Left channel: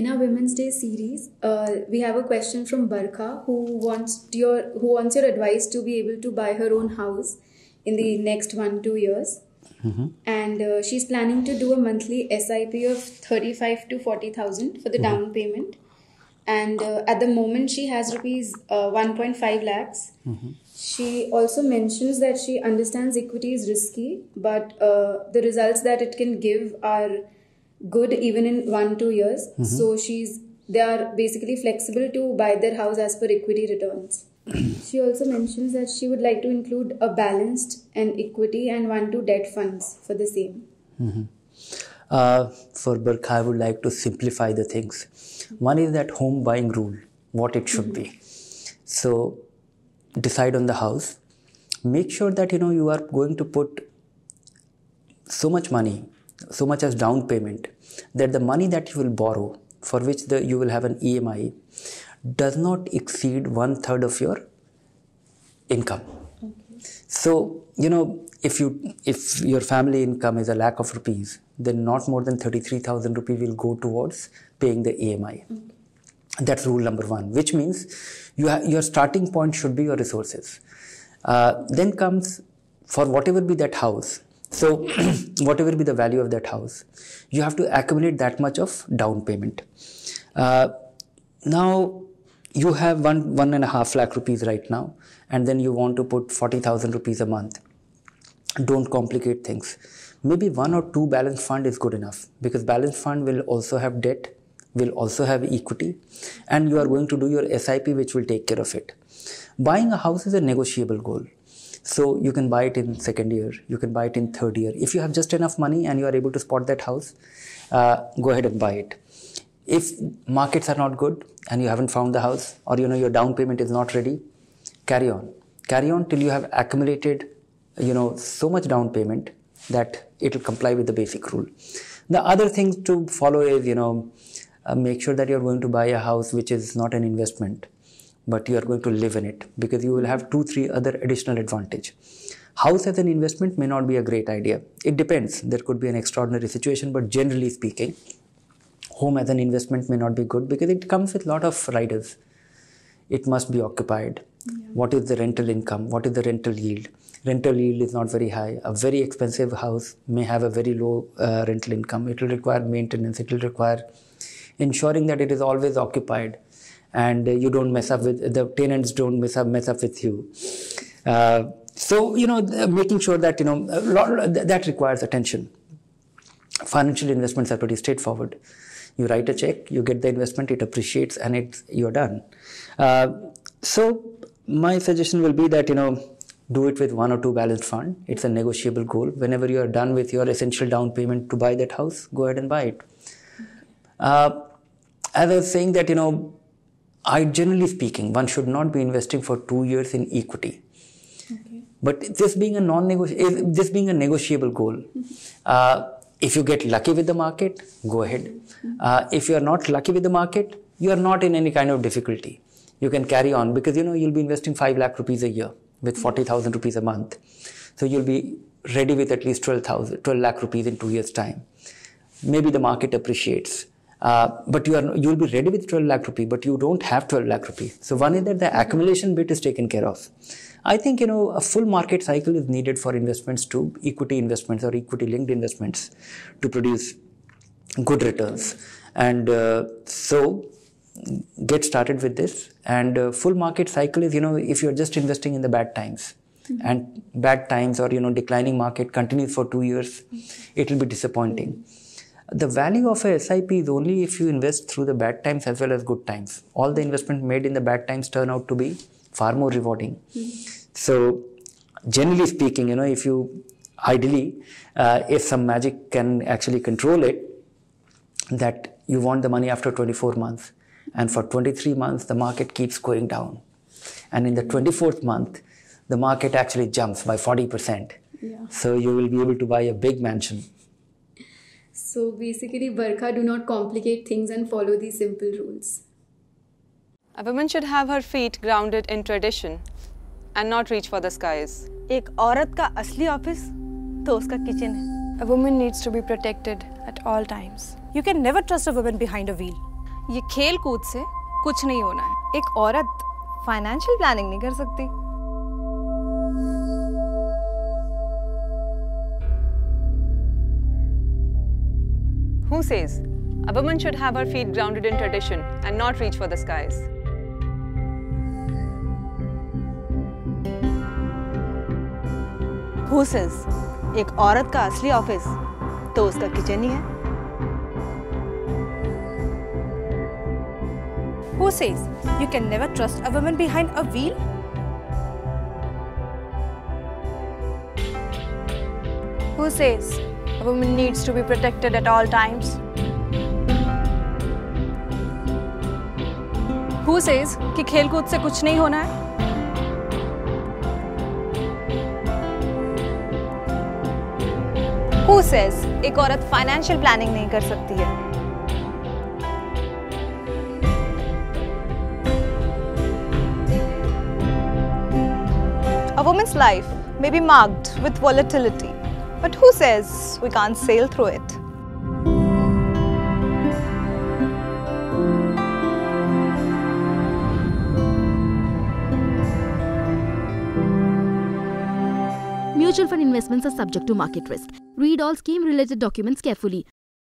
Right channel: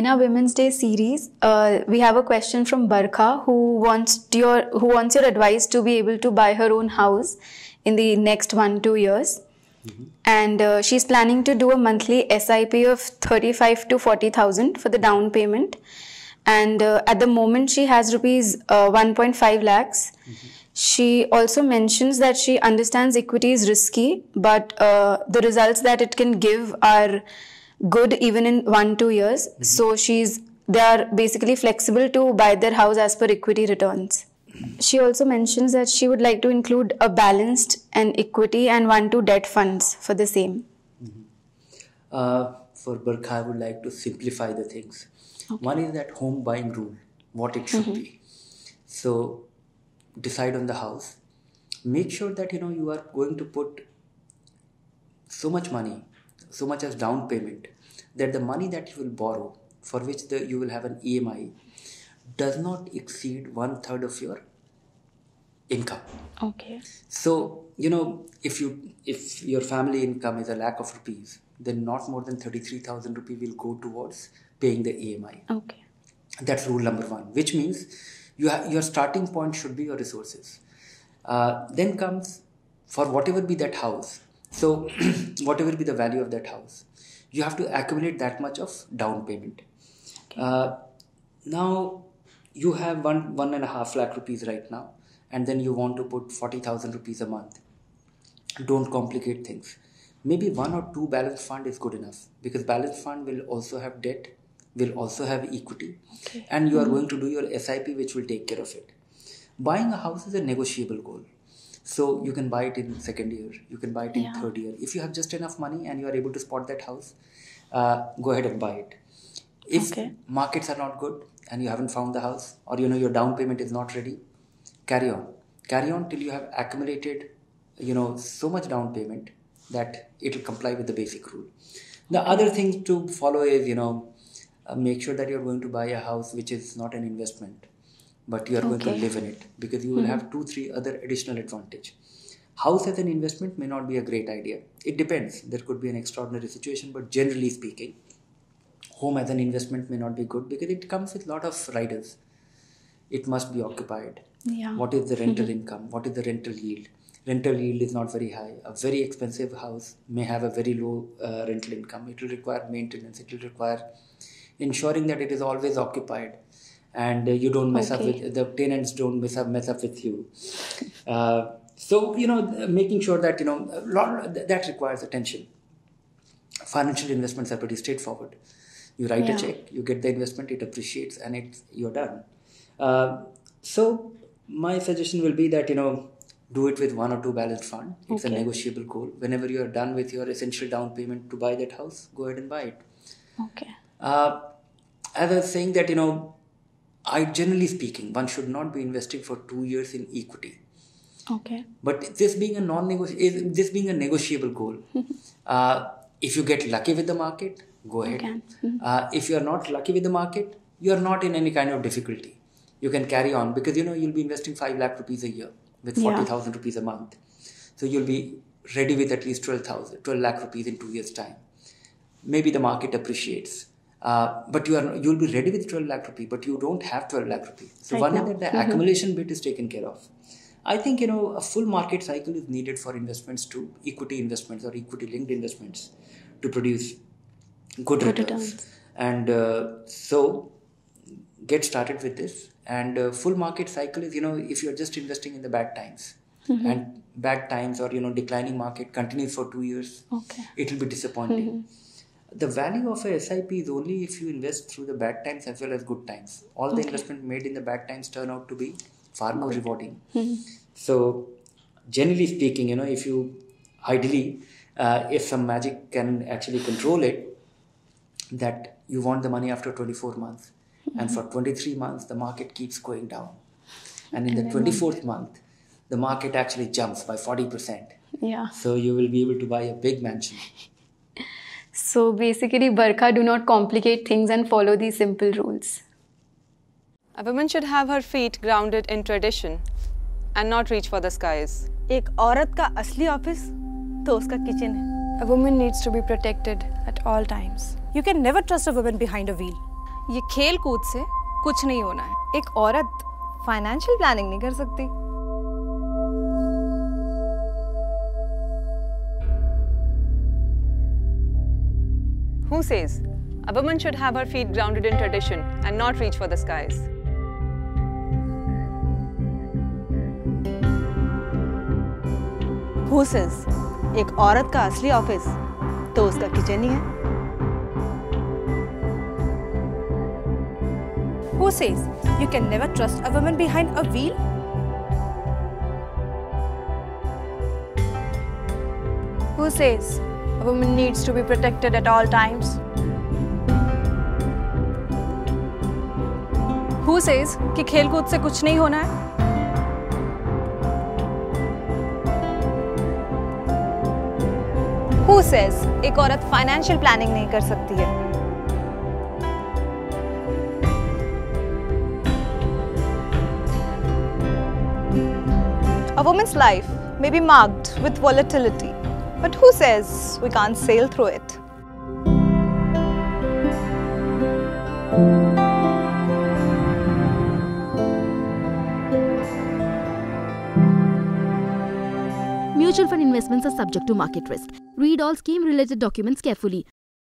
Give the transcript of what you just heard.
In our Women's Day series, we have a question from Barkha who wants your advice to be able to buy her own house in the next 1-2 years. And she's planning to do a monthly SIP of 35 to 40,000 for the down payment. And at the moment she has rupees 1.5 lakhs. She also mentions that she understands equity is risky, but the results that it can give are good even in 1-2 years. So they are basically flexible to buy their house as per equity returns. She also mentions that she would like to include a balanced and equity and 1-2 debt funds for the same. For Barkha, I would like to simplify the things. One is that home buying rule, what it should be. So decide on the house. Make sure that you are going to put so much money, so much as down payment, that the money that you will borrow, for which you will have an EMI, does not exceed 1/3 of your income. Okay. So if your family income is 1 lakh of rupees, then not more than 33,000 rupees will go towards paying the EMI. Okay. That's rule number 1, which means your starting point should be your resources. Then comes, for whatever be that house, so whatever be the value of that house, you have to accumulate that much of down payment. Now you have 1.5 lakh rupees right now, and then you want to put 40,000 rupees a month. Don't complicate things. Maybe 1 or 2 balance fund is good enough, because balance fund will also have debt, will also have equity, and you are going to do your SIP, which will take care of it. Buying a house is a negotiable goal. So you can buy it in 2nd year, you can buy it in 3rd year. If you have just enough money and you are able to spot that house, go ahead and buy it. If markets are not good and you haven't found the house, or your down payment is not ready, carry on till you have accumulated so much down payment that it will comply with the basic rule. The other thing to follow is make sure that you are going to buy a house which is not an investment, but you are going to live in it, because you will have 2-3 other additional advantage. House as an investment may not be a great idea. It depends. There could be an extraordinary situation, but generally speaking, home as an investment may not be good, because it comes with a lot of riders. It must be occupied. What is the rental income? What is the rental yield? Rental yield is not very high. A very expensive house may have a very low rental income. It will require maintenance. It will require ensuring that it is always occupied, and you don't mess up with the tenants, don't mess up with you. So making sure that that requires attention. Financial investments are pretty straightforward. You write a check, you get the investment, it appreciates, and you're done. So my suggestion will be that do it with 1 or 2 balanced fund. It's a negotiable goal. Whenever you are done with your essential down payment to buy that house, go ahead and buy it. As I was saying that generally speaking, one should not be investing for 2 years in equity. But this being a negotiable goal. If you get lucky with the market, go ahead. If you are not lucky with the market, you are not in any kind of difficulty. You can carry on, because you'll be investing 5 lakh rupees a year with 40,000 rupees a month. So you'll be ready with at least 12 lakh rupees in 2 years' time. Maybe the market appreciates. But you'll be ready with 12 lakh rupees, but you don't have 12 lakh rupees. So one is that the accumulation bit is taken care of. I think, a full market cycle is needed for investments, to equity investments or equity linked investments, to produce good returns. And so get started with this. And full market cycle is, if you're just investing in the bad times, and bad times or, declining market continues for 2 years, it will be disappointing. The value of a SIP is only if you invest through the bad times as well as good times. All the investment made in the bad times turn out to be far more rewarding. So generally speaking, if you ideally, if some magic can actually control it, that you want the money after 24 months, and for 23 months the market keeps going down, and in the 24th month the market actually jumps by 40%. So you will be able to buy a big mansion. So basically, Barkha, do not complicate things and follow these simple rules. A woman should have her feet grounded in tradition and not reach for the skies. एक औरत का असली office तो उसका kitchen है. A woman needs to be protected at all times. You can never trust a woman behind a wheel. ये खेल कूद से कुछ नहीं होना है। एक औरत फाइनेंशियल प्लानिंग नहीं कर सकती। Who says a woman should have her feet grounded in tradition and not reach for the skies? Who says एक औरत का असली ऑफिस तो उसका किचन ही है? Who says you can never trust a woman behind a wheel? Who says a woman needs to be protected at all times? Who says कि खेल कूद से कुछ नहीं होना है? Who says एक औरत फाइनेंशियल प्लानिंग नहीं कर सकती है? A woman's life may be marked with volatility, but who says we can't sail through it? Mutual fund investments are subject to market risk. Read all scheme-related documents carefully.